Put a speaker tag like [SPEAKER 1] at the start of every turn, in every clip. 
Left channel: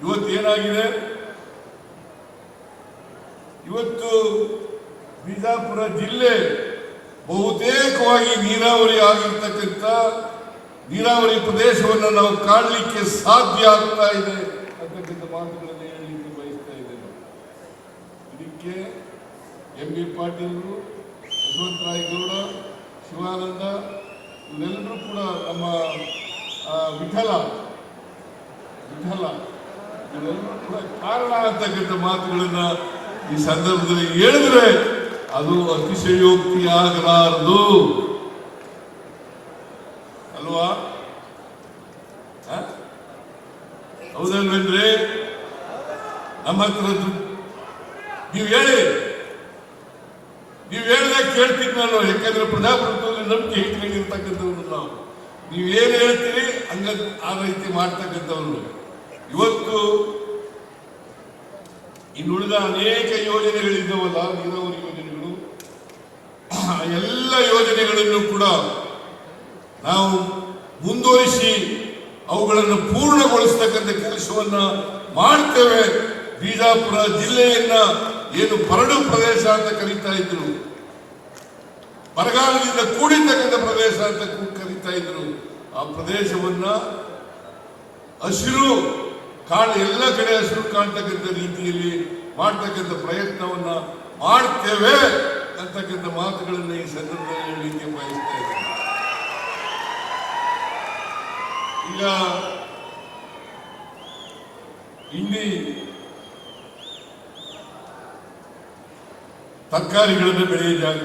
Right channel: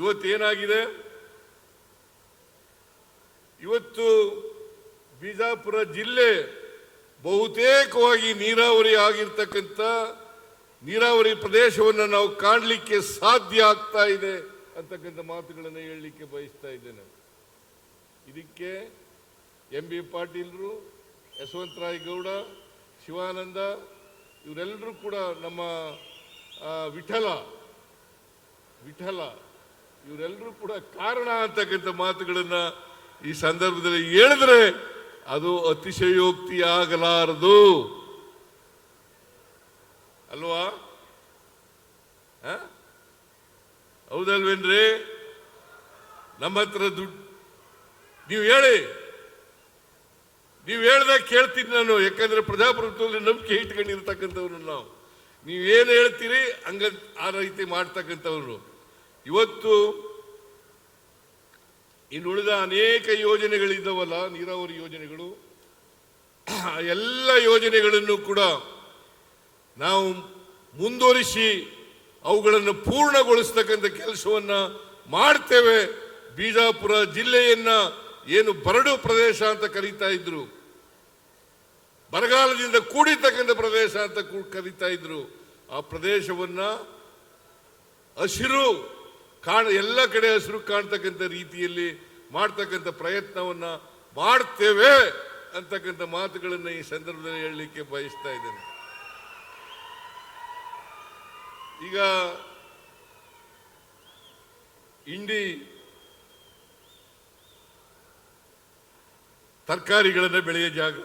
[SPEAKER 1] ಇವತ್ತು ಏನಾಗಿದೆ? ಇವತ್ತು ಬಿಜಾಪುರ ಜಿಲ್ಲೆ ಬಹುತೇಕವಾಗಿ ನೀರಾವರಿ ಆಗಿರ್ತಕ್ಕಂಥ ನೀರಾವರಿ ಪ್ರದೇಶವನ್ನು ನಾವು ಕಾಣಲಿಕ್ಕೆ ಸಾಧ್ಯ ಆಗ್ತಾ ಇದೆ ಹೇಳಲಿಕ್ಕೆ ಬಯಸ್ತಾ ಇದ್ದೇನೆ ಇದಕ್ಕೆ ಎಂ ಯು ಪಾಟೀಲರು, ಯಶವಂತ ರಾಯಗೌಡ, ಶಿವಾನಂದ, ಇವರೆಲ್ಲರೂ ಕೂಡ ನಮ್ಮ ವಿಠಲ ವಿಠಲ. ಕಾರಣ ಅಂತಕ್ಕಂಥ ಮಾತುಗಳನ್ನ ಈ ಸಂದರ್ಭದಲ್ಲಿ ಹೇಳಿದ್ರೆ ಅದು ಅತಿಶಯೋಕ್ತಿ ಆಗಲಾರದು ಅಲ್ವಾ? ಹೌದಲ್ವೇನ್ರಿ? ನಮ್ಮ ಹತ್ರ ನೀವು ಹೇಳಿ. ನೀವು ಹೇಳಲೇ ಕೇಳ್ತಿದ್ ನಾನು ಯಾಕಂದ್ರೆ ಪ್ರಜಾಪ್ರಭುತ್ವದಲ್ಲಿ ನಂಬಿಕೆ ಇಟ್ಕೊಂಡಿರ್ತಕ್ಕಂಥವ್ರು ನಾವು. ನೀವು ಏನ್ ಹೇಳ್ತೀರಿ? ಹಂಗ ಆ ರೀತಿ ಮಾಡ್ತಕ್ಕಂಥವ್ರು. ಇವತ್ತು ಇನ್ನುಳಿದ ಅನೇಕ ಯೋಜನೆಗಳಿದ್ದಾವಲ್ಲ ನೀರಾವರಿ ಯೋಜನೆಗಳು ಎಲ್ಲ ಯೋಜನೆಗಳನ್ನು ಕೂಡ ನಾವು ಮುಂದುವರಿಸಿ ಅವುಗಳನ್ನು ಪೂರ್ಣಗೊಳಿಸ್ತಕ್ಕಂಥ ಕೆಲಸವನ್ನ ಮಾಡ್ತೇವೆ. ಬಿಜಾಪುರ ಜಿಲ್ಲೆಯನ್ನ ಏನು ಬರಡು ಪ್ರದೇಶ ಅಂತ ಕರೀತಾ ಇದ್ರು. ಬರಗಾಲದಿಂದ ಕೂಡಿರ್ತಕ್ಕಂಥ ಪ್ರದೇಶ ಅಂತ ಕರೀತಾ ಇದ್ರು. ಆ ಪ್ರದೇಶವನ್ನ ಹಸಿರು ಕಾಳು ಎಲ್ಲ ಕಡೆ ಹಸಿರು ಕಾಣ್ತಕ್ಕಂಥ ರೀತಿಯಲ್ಲಿ ಮಾಡ್ತಕ್ಕಂಥ ಪ್ರಯತ್ನವನ್ನ ಮಾಡ್ತೇವೆ ಅಂತಕ್ಕಂಥ ಮಾತುಗಳನ್ನ ಈ ಸಂದರ್ಭದಲ್ಲಿ ಹೇಳಲಿಕ್ಕೆ ಬಯಸ್ತಾ ಇದ್ದೇನೆ. ಈಗ ಇಲ್ಲಿ ತರಕಾರಿಗಳನ್ನು ಬೆಳೆಯ ಜಾಗ.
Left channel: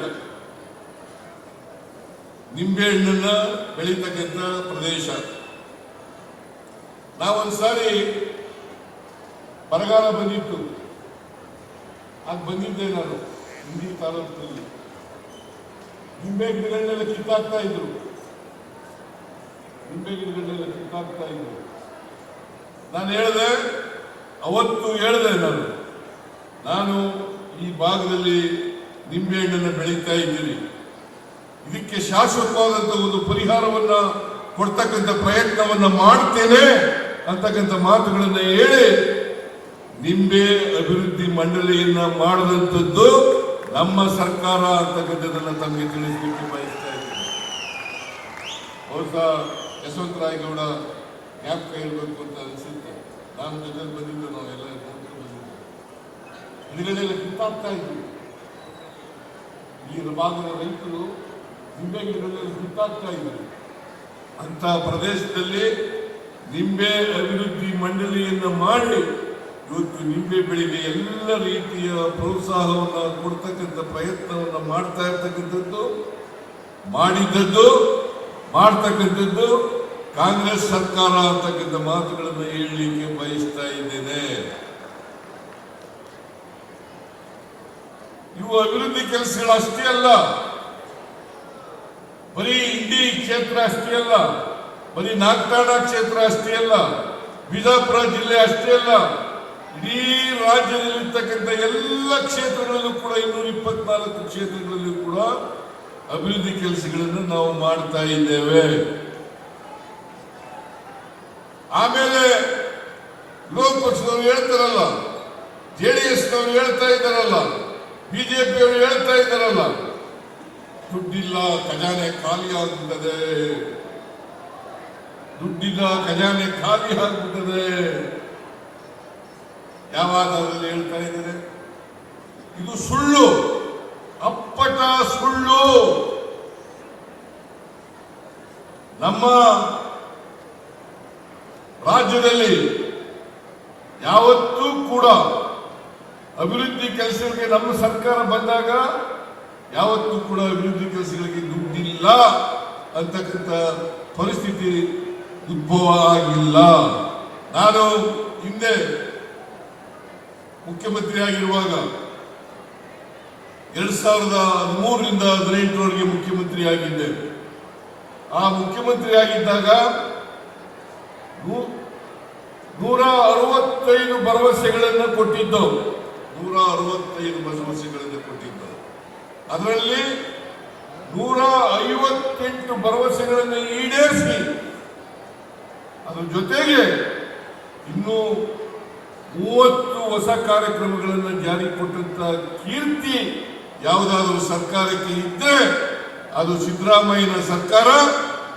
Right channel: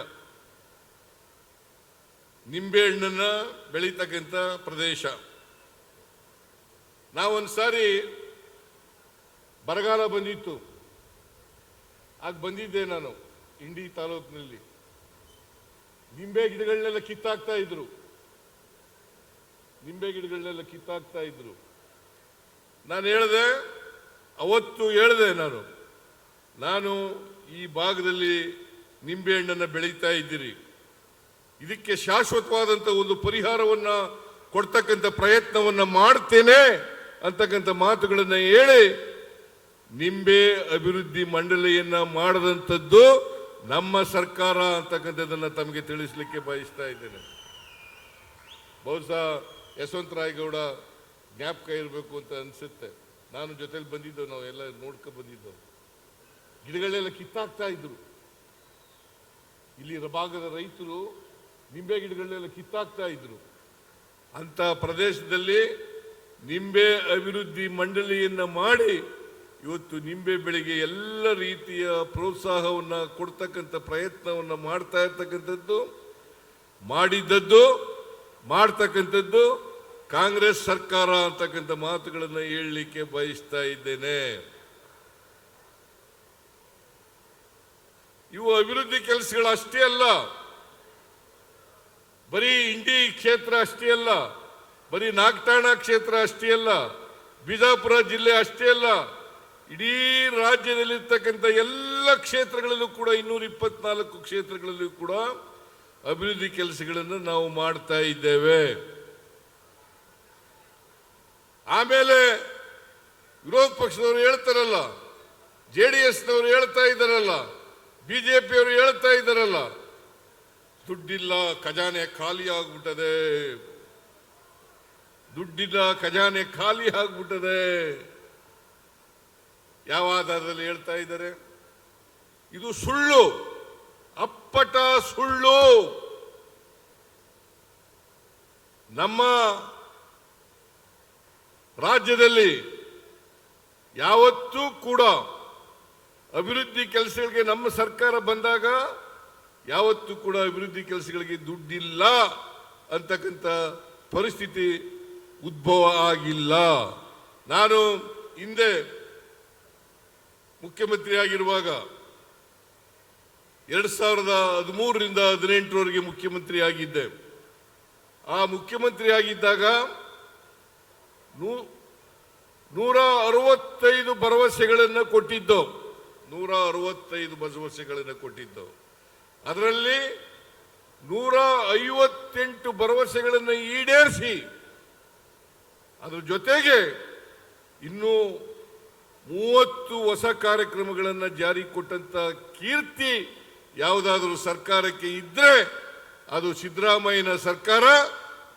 [SPEAKER 1] ನಿಂಬೆಹಣ್ಣನ್ನ ಬೆಳೀತಕ್ಕಂಥ ಪ್ರದೇಶ. ನಾವೊಂದ್ಸಾರಿ ಬರಗಾಲ ಬಂದಿತ್ತು. ಆಗ ಬಂದಿದ್ದೆ ನಾನು ಹಿಂದಿ ತಾಲೂಕಿನಲ್ಲಿ. ನಿಂಬೆ ಗಿಡನೆಲ್ಲ ಕಿತ್ತಾಗ್ತಾ ಇದ್ರು. ನಿಂಬೆ ಗಿಡನೆಲ್ಲ ಕಿತ್ತಾಗ್ತಾ ಇದ್ರು. ನಾನು ಹೇಳಿದೆ, ಅವತ್ತು ಹೇಳಿದೆ ನಾನು ನಾನು ಈ ಭಾಗದಲ್ಲಿ ನಿಂಬೆಹಣ್ಣನ್ನು ಬೆಳೀತಾ ಇದ್ದೀರಿ. ಇದಕ್ಕೆ ಶಾಶ್ವತವಾದಂತಹ ಒಂದು ಪರಿಹಾರವನ್ನ, ಕೊಡ್ತಕ್ಕಂಥ ಪ್ರಯತ್ನವನ್ನ ಮಾಡ್ತೇನೆ. ಅಂತಕ್ಕಂಥ ಮಾತುಗಳನ್ನ ಹೇಳಿ ನಿಂಬೆ ಅಭಿವೃದ್ಧಿ ಮಂಡಳಿಯನ್ನ ಮಾಡದಂಥದ್ದು ನಮ್ಮ ಸರ್ಕಾರ ಅಂತಕ್ಕಂಥದ್ದನ್ನ ತಮಗೆ ತಿಳಿಸಲಿಕ್ಕೆ ಬಯಸ್ತಾ ಇದ್ದೇನೆ. ಬಹುಶಃ ಯಶವಂತ ರಾಯಗೌಡ ಜ್ಞಾಪಕ ಇರಬೇಕು ಅಂತ ಅನಿಸುತ್ತೆ. ನಾನು ಜೊತೆ ಬಂದಿದ್ದು ನಾವು ಎಲ್ಲ ನೋಡ್ಕೊಂಡು ಬಂದಿದ್ದೇವೆ ಸುತ್ತಾಗ್ತಾ ಇದ್ವಿ. ಇಲ್ಲಿ ಭಾಗದ ರೈತರು ನಿಂಬೆ ಗಿಡಗಳಲ್ಲಿ ಸುತ್ತಾಗ್ತಾ ಇದ್ರು ಅಂತ ಪ್ರದೇಶದಲ್ಲಿ ನಿಂಬೆ ಅಭಿವೃದ್ಧಿ ಮಂಡಳಿಯನ್ನ ಮಾಡಿ ಇವತ್ತು ನಿಂಬೆ ಬೆಳೆಗೆ ಎಲ್ಲ ರೀತಿಯ ಪ್ರೋತ್ಸಾಹವನ್ನ ಕೊಡ್ತಕ್ಕಂಥ ಪ್ರಯತ್ನವನ್ನು ಮಾಡ್ತಾ ಇರ್ತಕ್ಕಂಥದ್ದು, ಮಾಡಿದ್ದದ್ದು, ಮಾಡ್ತಕ್ಕಂಥದ್ದು ಕಾಂಗ್ರೆಸ್ ಸರ್ಕಾರ ಅಂತಕ್ಕಂಥ ಮಾತುಗಳನ್ನು ಹೇಳಲಿಕ್ಕೆ ಬಯಸ್ತಾ ಇದ್ದೇನೆ. ಇವು ಅಭಿವೃದ್ಧಿ ಕೆಲಸಗಳು ಅಷ್ಟೇ ಅಲ್ಲ, ಬರೀ ಇಂಡಿ ಕ್ಷೇತ್ರ ಅಷ್ಟೇ ಅಲ್ಲ. ಬರೀ ನಾಗಠಾಣ ಕ್ಷೇತ್ರ ಅಷ್ಟೇ ಅಲ್ಲ, ಬಿಜಾಪುರ ಜಿಲ್ಲೆ ಅಷ್ಟೇ ಅಲ್ಲ, ಇಡೀ ರಾಜ್ಯದಲ್ಲಿರ್ತಕ್ಕಂಥ ಎಲ್ಲ ಕ್ಷೇತ್ರಗಳಲ್ಲೂ ಕೂಡ ಇನ್ನೂರ ಇಪ್ಪತ್ನಾಲ್ಕು ಕ್ಷೇತ್ರಗಳಲ್ಲೂ ಕೂಡ ಅಭಿವೃದ್ಧಿ ಕೆಲಸಗಳನ್ನು ನಾವು ಮಾಡ್ತಾ ಇದ್ದೇವೆ. ಆಮೇಲೆ ಲೋಕಸಭೆ ಹೇಳ್ತಾರಲ್ಲ ಜೆಡಿಎಸ್ ಹೇಳ್ತಾ ಇದ್ದಾರಲ್ಲ ಬಿಜೆಪಿ ಅವರು ಹೇಳ್ತಾ ಇದ್ದಾರಲ್ಲ, ದುಡ್ಡಿಲ್ಲ, ಖಜಾನೆ ಖಾಲಿ ಆಗುತ್ತದೆ ದುಡ್ಡಿಲ್ಲ ಖಜಾನೆ ಖಾಲಿ ಹಾಕ್ಬಿಟ್ಟದೆ ಯಾವಾಗ ಅದರಲ್ಲಿ ಹೇಳ್ತಾ ಇದ್ದಾರೆ? ಇದು ಸುಳ್ಳು. ಅಪ್ಪಟ ಸುಳ್ಳು. ನಮ್ಮ ರಾಜ್ಯದಲ್ಲಿ ಯಾವತ್ತೂ ಕೂಡ ಅಭಿವೃದ್ಧಿ ಕೆಲಸಗಳಿಗೆ ನಮ್ಮ ಸರ್ಕಾರ ಬಂದಾಗ ಯಾವತ್ತೂ ಕೂಡ ಅಭಿವೃದ್ಧಿ ಕೆಲಸಗಳಿಗೆ ದುಡ್ಡಿಲ್ಲ ಅಂತಕ್ಕಂಥ ಪರಿಸ್ಥಿತಿ ಉದ್ಭವ ಆಗಿಲ್ಲ ನಾನು ಹಿಂದೆ ಮುಖ್ಯಮಂತ್ರಿ ಆಗಿರುವಾಗ ಎರಡ್ ಸಾವಿರದ ಮೂರರಿಂದ ಹದಿನೆಂಟರವರೆಗೆ ಮುಖ್ಯಮಂತ್ರಿ ಆಗಿದ್ದೆ ಆ ಮುಖ್ಯಮಂತ್ರಿ ಆಗಿದ್ದಾಗ ನೂರ ಅರವತ್ತೈದು ಭರವಸೆಗಳನ್ನು ಕೊಟ್ಟಿದ್ದು. ನೂರ ಅರವತ್ತೈದು ಭರವಸೆಗಳನ್ನು ಕೊಟ್ಟಿದ್ದು. ಅದರಲ್ಲಿ ನೂರ ಐವತ್ತೆಂಟು ಭರವಸೆಗಳನ್ನು ಈಡೇರಿಸಿ ಜೊತೆಗೆ ಇನ್ನೂ ಮೂವತ್ತು ಹೊಸ ಕಾರ್ಯಕ್ರಮಗಳನ್ನು ಜಾರಿ ಕೊಟ್ಟಂತ ಕೀರ್ತಿ ಯಾವುದಾದ್ರೂ ಸರ್ಕಾರಕ್ಕೆ ಇದ್ರೆ ಅದು ಸಿದ್ದರಾಮಯ್ಯನ ಸರ್ಕಾರ,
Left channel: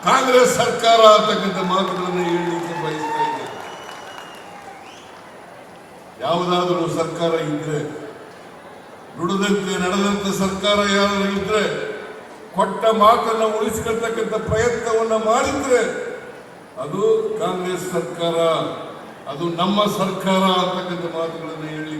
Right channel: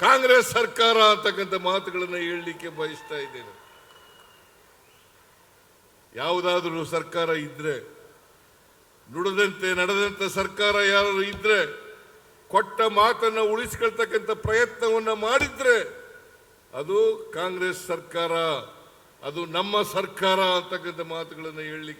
[SPEAKER 1] ಕಾಂಗ್ರೆಸ್ ಸರ್ಕಾರ ಅಂತಕ್ಕಂಥ ಮಾತುಗಳನ್ನು ಹೇಳಲಿಕ್ಕೆ ಬಯಸ್ತಾ ಇದೆ ಯಾವುದಾದ್ರೂ ಸರ್ಕಾರ ಇದ್ರೆ, ದುಡಿದಂತೆ ನಡೆದಂತ ಸರ್ಕಾರ ಯಾವ್ದು ಇದ್ರೆ, ಕೊಟ್ಟ ಮಾತನ್ನು ಉಳಿಸ್ಕೊಳ್ತಕ್ಕಂಥ ಪ್ರಯತ್ನವನ್ನ ಮಾಡಿದ್ರೆ ಅದು ಕಾಂಗ್ರೆಸ್ ಸರ್ಕಾರ ಅದು ನಮ್ಮ ಸರ್ಕಾರ ಅಂತಕ್ಕಂಥ ಮಾತುಗಳನ್ನು ಹೇಳಿ